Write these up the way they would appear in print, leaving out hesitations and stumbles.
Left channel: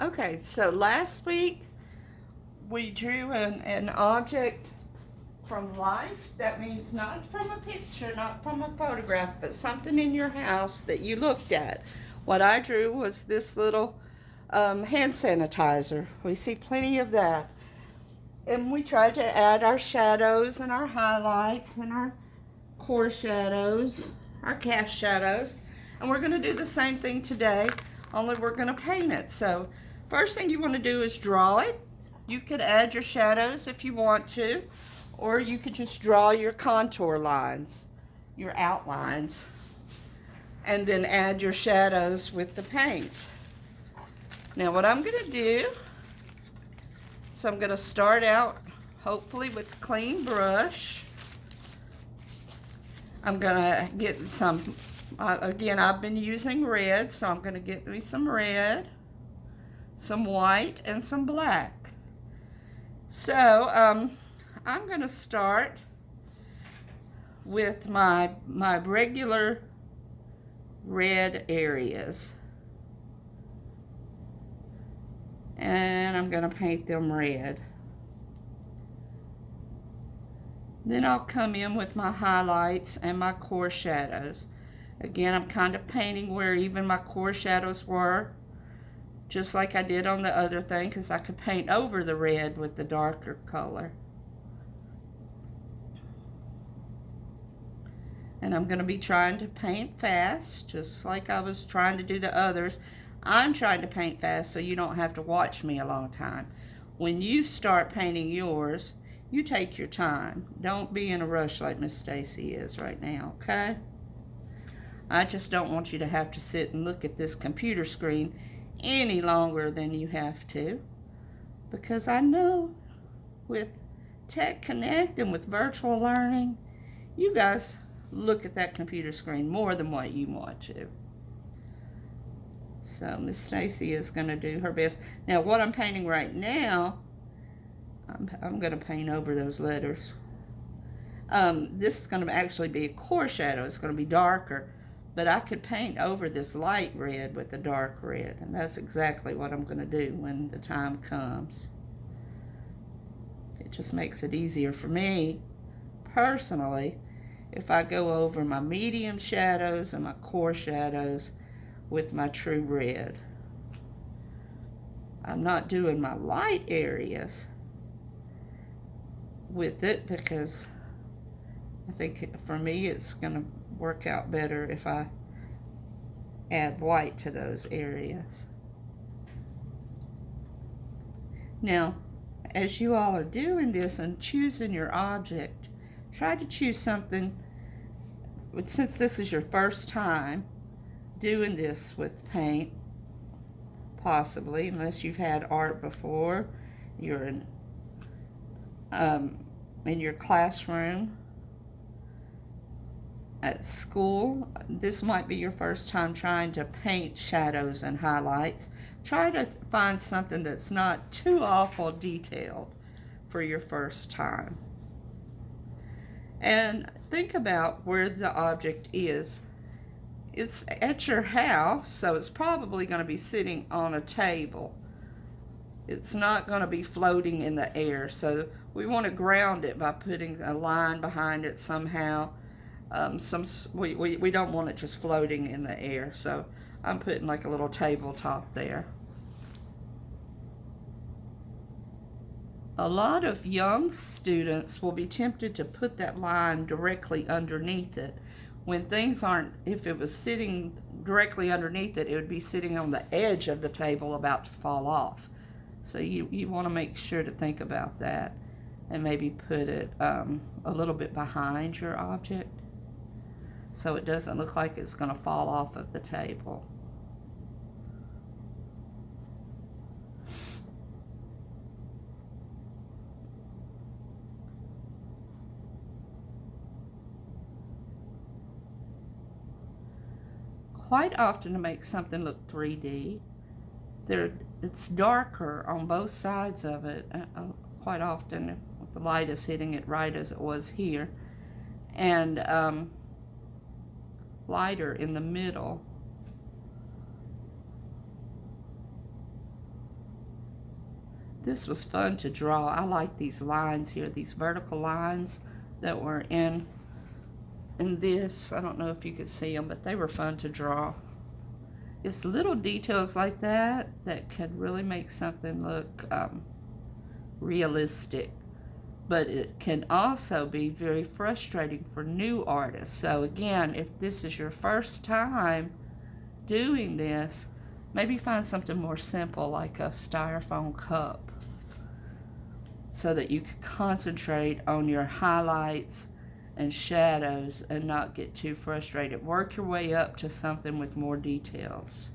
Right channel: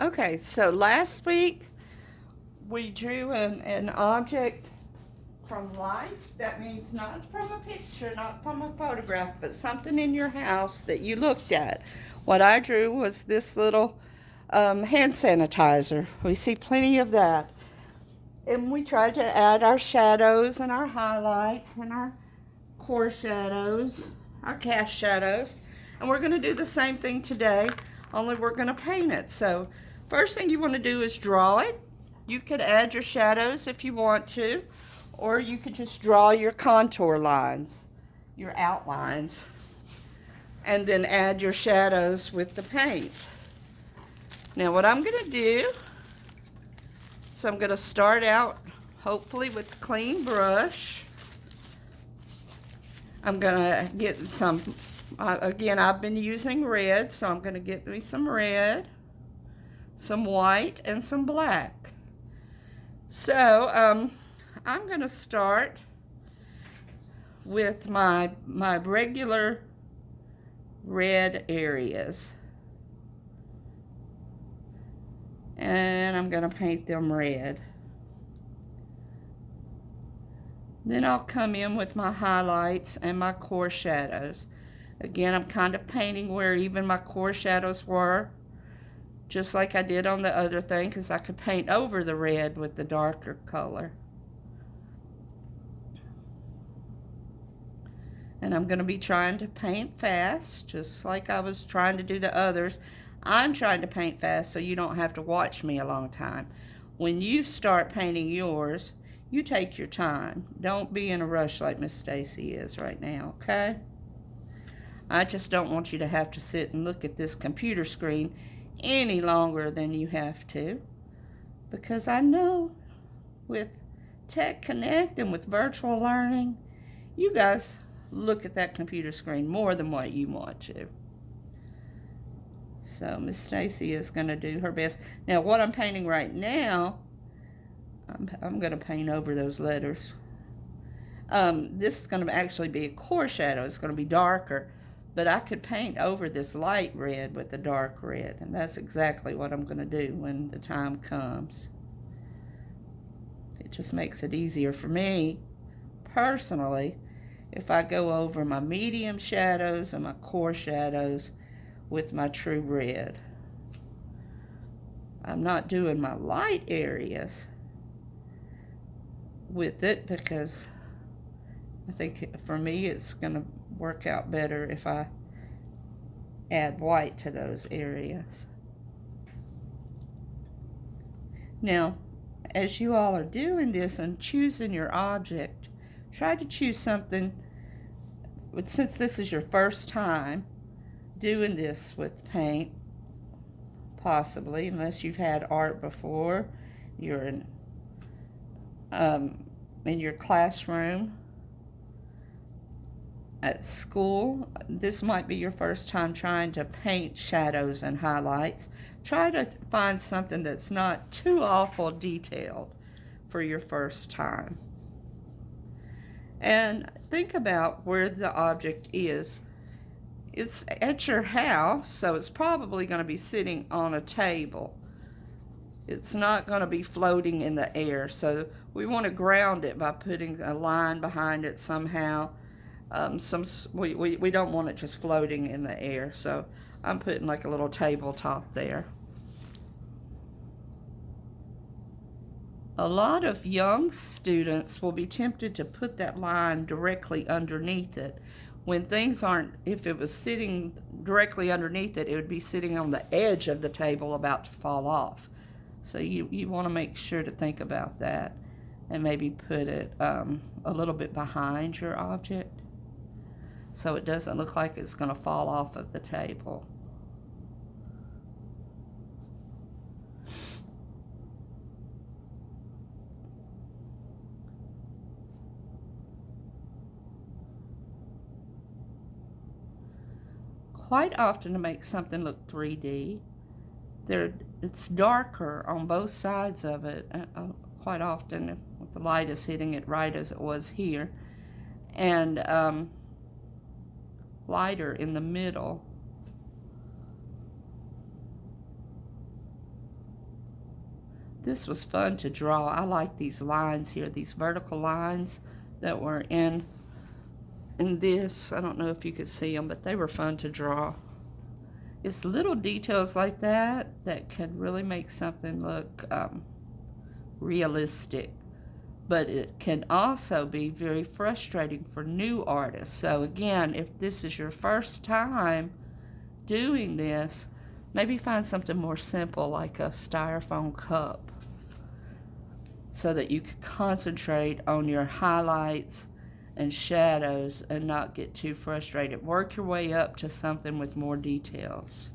Okay, so last week we drew an object from life. That means not from a picture, not from a photograph, but something in your house that you looked at. What I drew was this little hand sanitizer. We see plenty of that. And we tried to add our shadows and our highlights and our core shadows, our cast shadows. And we're going to do the same thing today, only we're going to paint it. So first thing you want to do is draw it. You could add your shadows if you want to, or you could just draw your contour lines, your outlines, and then add your shadows with the paint. Now what I'm going to do is I'm going to start out hopefully with a clean brush. I'm going to get some, again, I've been using red, so I'm going to get me some red, some white, and some black. So I'm going to start with my regular red areas. And I'm going to paint them red. Then I'll come in with my highlights and my core shadows. Again, I'm kind of painting where even my core shadows were, just like I did on the other thing, because I could paint over the red with the darker color. And I'm going to be trying to paint fast, just like I was trying to do the others. I'm trying to paint fast so you don't have to watch me a long time. When you start painting yours, you take your time. Don't be in a rush like Miss Stacy is right now, okay? I just don't want you to have to sit and look at this computer screen any longer than you have to, because I know with Tech Connect and with virtual learning, you guys look at that computer screen more than what you want to. So Miss Stacy is going to do her best. Now what I'm painting right now, I'm going to paint over those letters. This is going to actually be a core shadow. It's going to be darker, but I could paint over this light red with the dark red, and that's exactly what I'm going to do when the time comes. It just makes it easier for me personally if I go over my medium shadows and my core shadows with my true red. I'm not doing my light areas with it because I think for me it's going to work out better if I add white to those areas. Now, as you all are doing this and choosing your object, try to choose something, since this is your first time doing this with paint, possibly, unless you've had art before, you're in your classroom, at school, this might be your first time trying to paint shadows and highlights. Try to find something that's not too awful detailed for your first time. And think about where the object is. It's at your house, so it's probably going to be sitting on a table. It's not going to be floating in the air, so we want to ground it by putting a line behind it somehow. We don't want it just floating in the air, so I'm putting like a little tabletop there. A lot of young students will be tempted to put that line directly underneath it when things aren't. If it was sitting directly underneath it, it would be sitting on the edge of the table about to fall off. So you want to make sure to think about that and maybe put it a little bit behind your object so it doesn't look like it's going to fall off of the table. Quite often, to make something look 3D, it's darker on both sides of it, quite often if the light is hitting it right as it was here, and lighter in the middle. This was fun to draw. I like these lines here, these vertical lines that were in this. I don't know if you could see them, but they were fun to draw. It's little details like that that can really make something look realistic. But it can also be very frustrating for new artists. So again, if this is your first time doing this, maybe find something more simple like a styrofoam cup so that you can concentrate on your highlights and shadows and not get too frustrated. Work your way up to something with more details.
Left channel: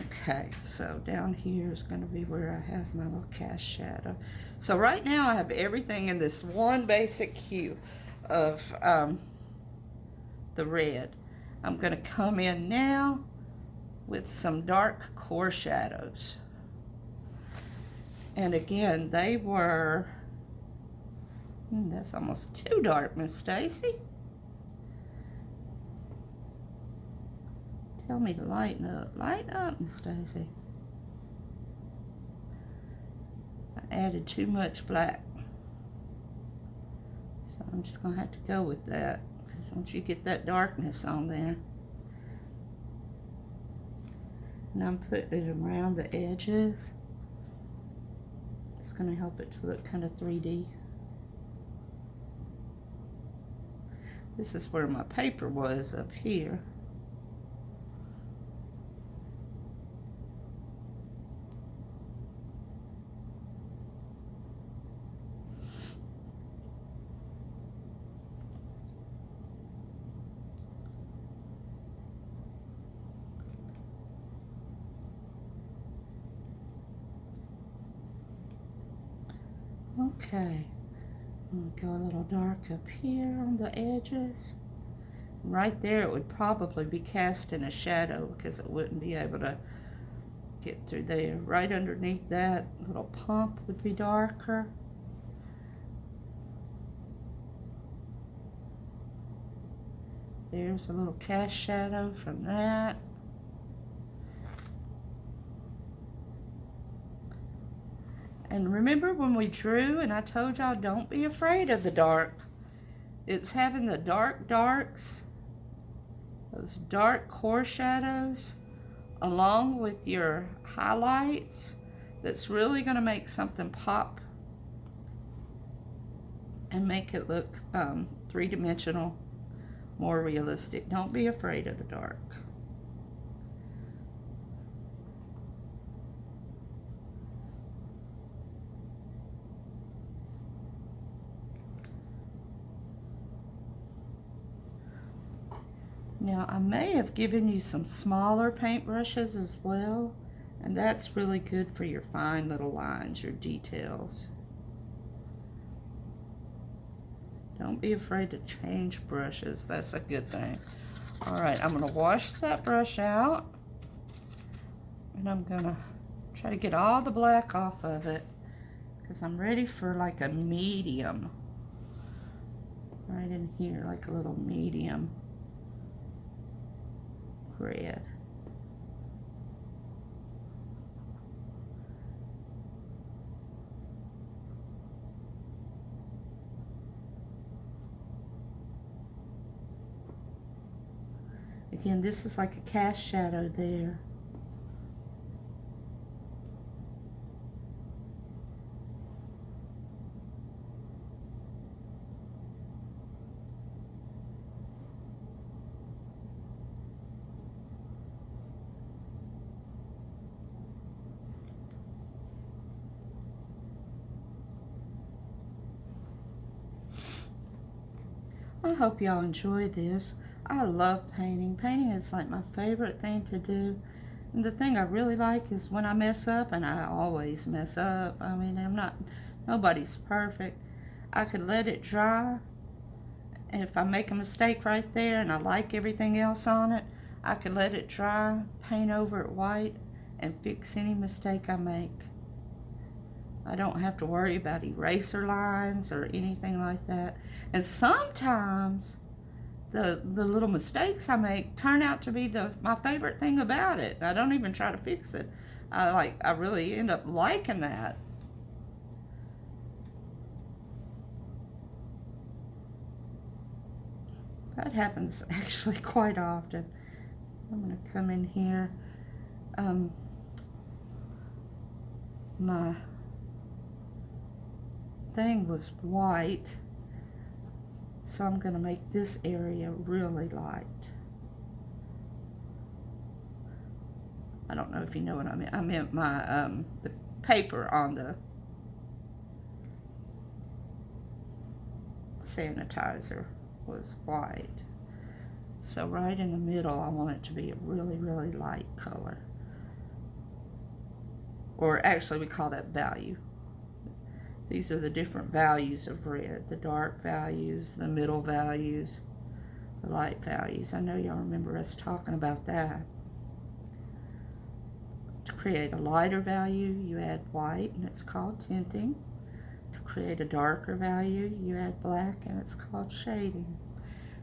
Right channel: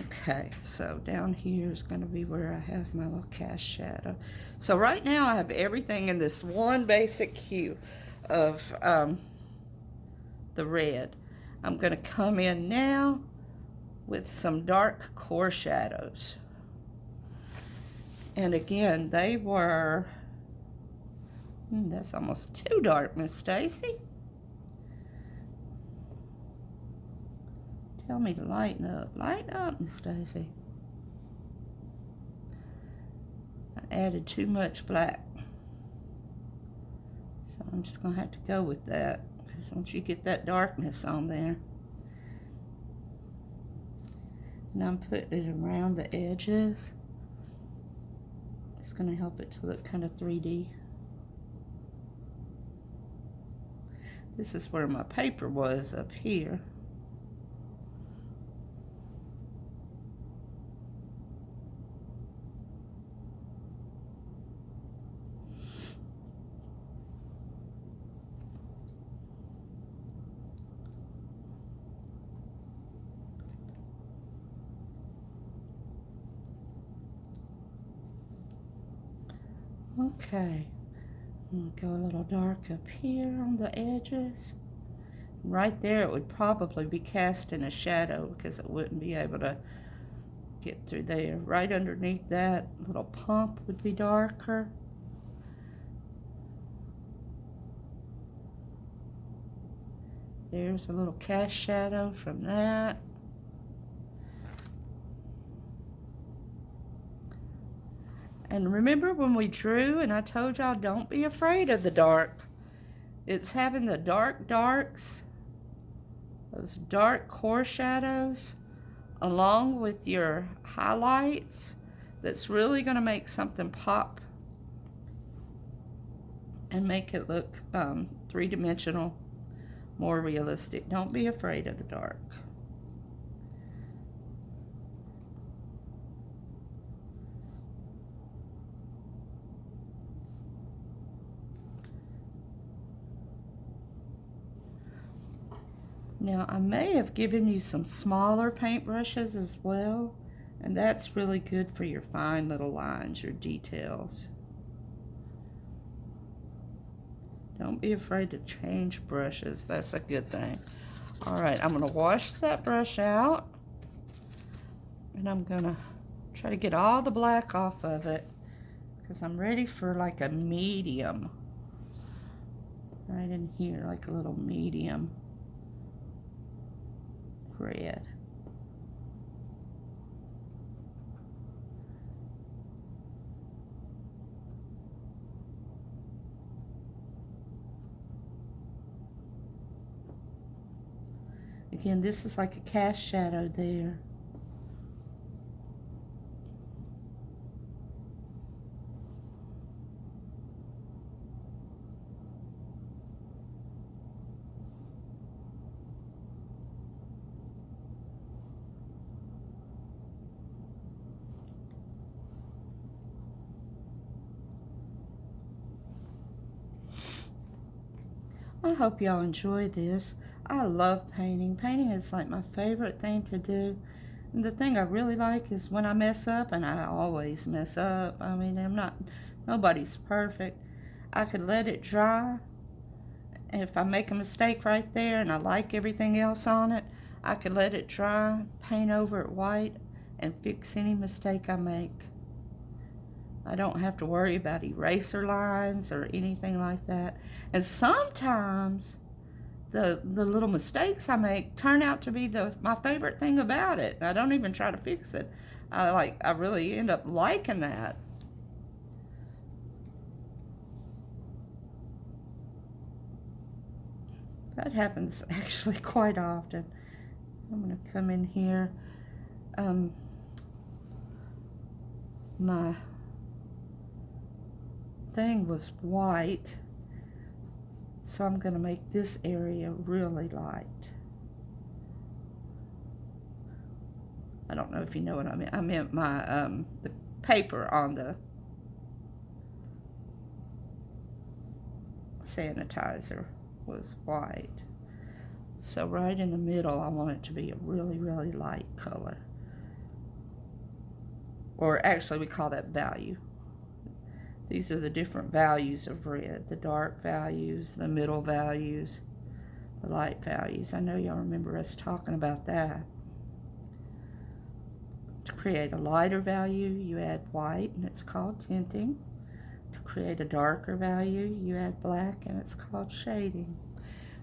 Okay, so down here is going to be where I have my little cast shadow. So right now I have everything in this one basic hue of the red. I'm going to come in now with some dark core shadows. And again, they were, that's almost too dark, Miss Stacy. Tell me to lighten up. Lighten up, Miss Stacy. I added too much black. So I'm just going to have to go with that. Because once you get that darkness on there. And I'm putting it around the edges. It's going to help it to look kind of 3D. This is where my paper was up here. Okay, I'm gonna go a little dark up here on the edges. Right there it would probably be casting a shadow because it wouldn't be able to get through there. Right underneath that little pump would be darker. There's a little cast shadow from that. And remember when we drew and I told y'all don't be afraid of the dark. It's having the dark darks, those dark core shadows, along with your highlights that's really going to make something pop and make it look three-dimensional, more realistic. Don't be afraid of the dark. Now, I may have given you some smaller paintbrushes as well, and that's really good for your fine little lines, your details. Don't be afraid to change brushes. That's a good thing. All right, I'm going to wash that brush out, and I'm going to try to get all the black off of it because I'm ready for like a medium. Right in here, like a little medium red. Again, this is like a cast shadow there. I hope y'all enjoy this. I love painting. Painting is like my favorite thing to do. And the thing I really like is when I mess up, and I always mess up. I mean, nobody's perfect. I could let it dry. And if I make a mistake right there and I like everything else on it, I could let it dry, paint over it white, and fix any mistake I make. I don't have to worry about eraser lines or anything like that. And sometimes the little mistakes I make turn out to be my favorite thing about it. I don't even try to fix it. I really end up liking that. That happens actually quite often. I'm going to come in here. My thing was white, so I'm going to make this area really light. I don't know if you know what I meant. I meant my the paper on the sanitizer was white. So right in the middle, I want it to be a really, really light color. Or actually, we call that value. These are the different values of red. The dark values, the middle values, the light values. I know y'all remember us talking about that. To create a lighter value, you add white, and it's called tinting. To create a darker value, you add black, and it's called shading.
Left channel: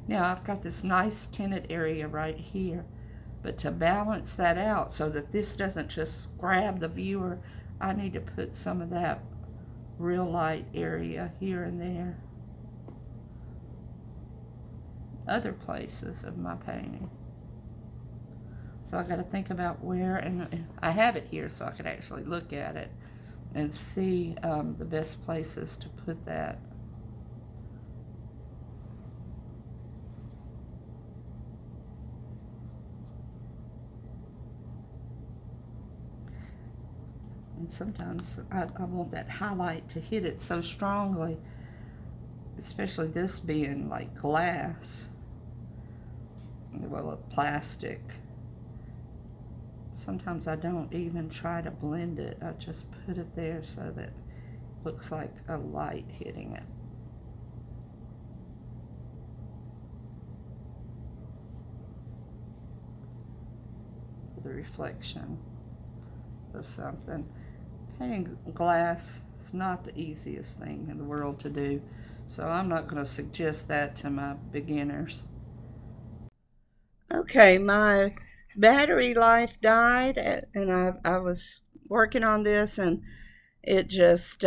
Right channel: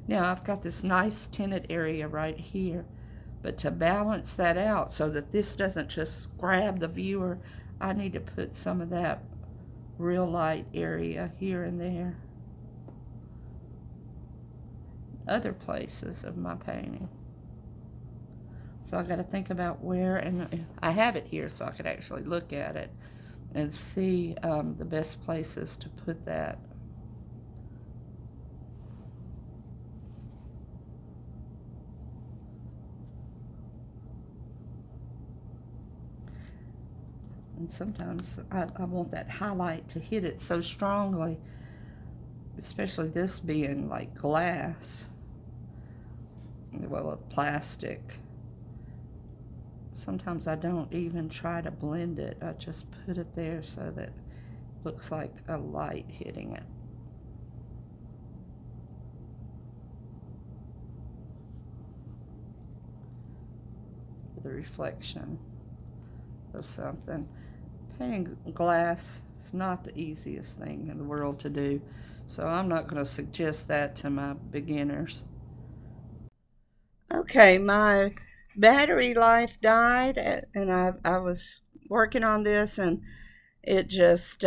Now, I've got this nice tinted area right here, but to balance that out so that this doesn't just grab the viewer, I need to put some of that real light area here and there. Other places of my painting. So I got to think about where, and I have it here so I could actually look at it and see the best places to put that. And sometimes I want that highlight to hit it so strongly, especially this being like glass, well, plastic. Sometimes I don't even try to blend it. I just put it there so that it looks like a light hitting it. The reflection of something. Painting glass is not the easiest thing in the world to do, so I'm not going to suggest that to my beginners. Okay, my battery life died, and I was working on this, and it just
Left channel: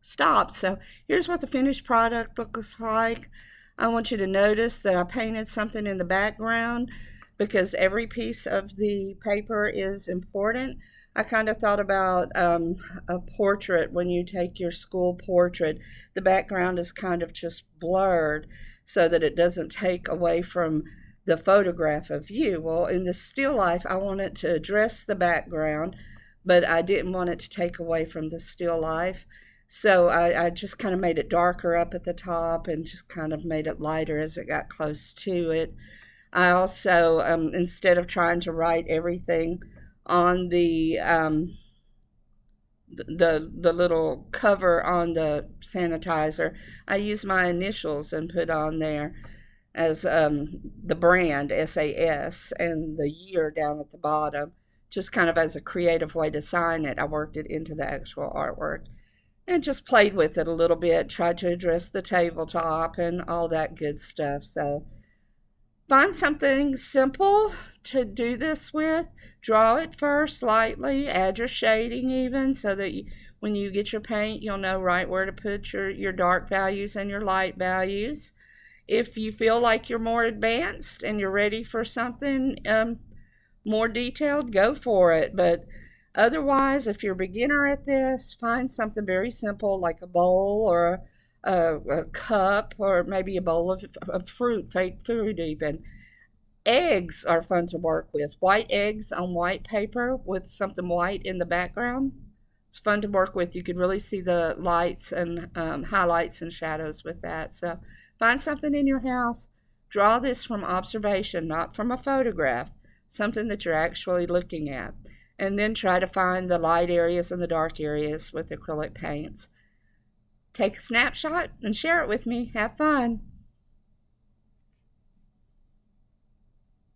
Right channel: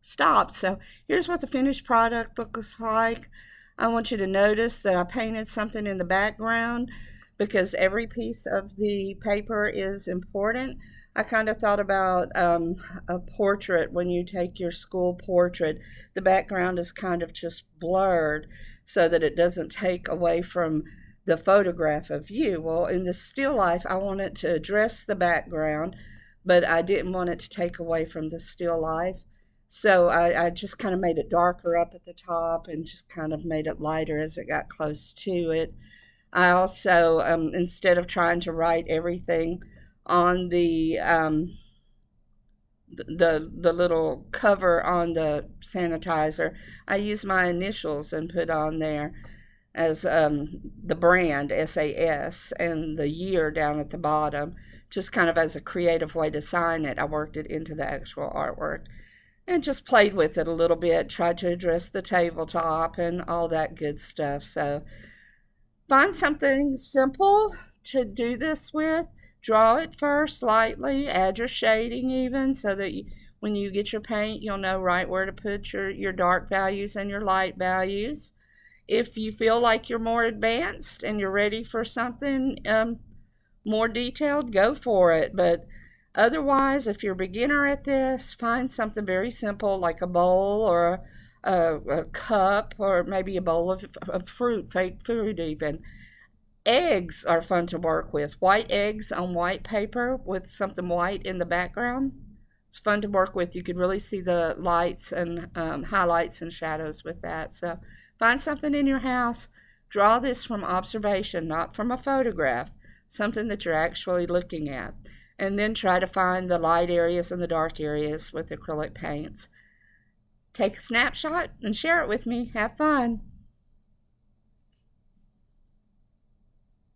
stopped. So here's what the finished product looks like. I want you to notice that I painted something in the background because every piece of the paper is important. I kind of thought about a portrait. When you take your school portrait, the background is kind of just blurred so that it doesn't take away from the photograph of you. Well, in the still life, I wanted to address the background, but I didn't want it to take away from the still life. So I just kind of made it darker up at the top and just kind of made it lighter as it got close to it. I also, instead of trying to write everything on the little cover on the sanitizer, I used my initials and put on there as the brand SAS and the year down at the bottom, just kind of as a creative way to sign it. I worked it into the actual artwork and just played with it a little bit, tried to address the tabletop and all that good stuff. So find something simple to do this with. Draw it first lightly, add your shading even, so that when you get your paint, you'll know right where to put your dark values and your light values. If you feel like you're more advanced and you're ready for something more detailed, go for it. But otherwise, if you're a beginner at this, find something very simple like a bowl or a cup, or maybe a bowl of fruit, fake food even. Eggs are fun to work with. White eggs on white paper with something white in the background. It's fun to work with. You could really see the lights and highlights and shadows with that. So find something in your house. Draw this from observation, not from a photograph, something that you're actually looking at. And then try to find the light areas and the dark areas with acrylic paints. Take a snapshot and share it with me. Have fun.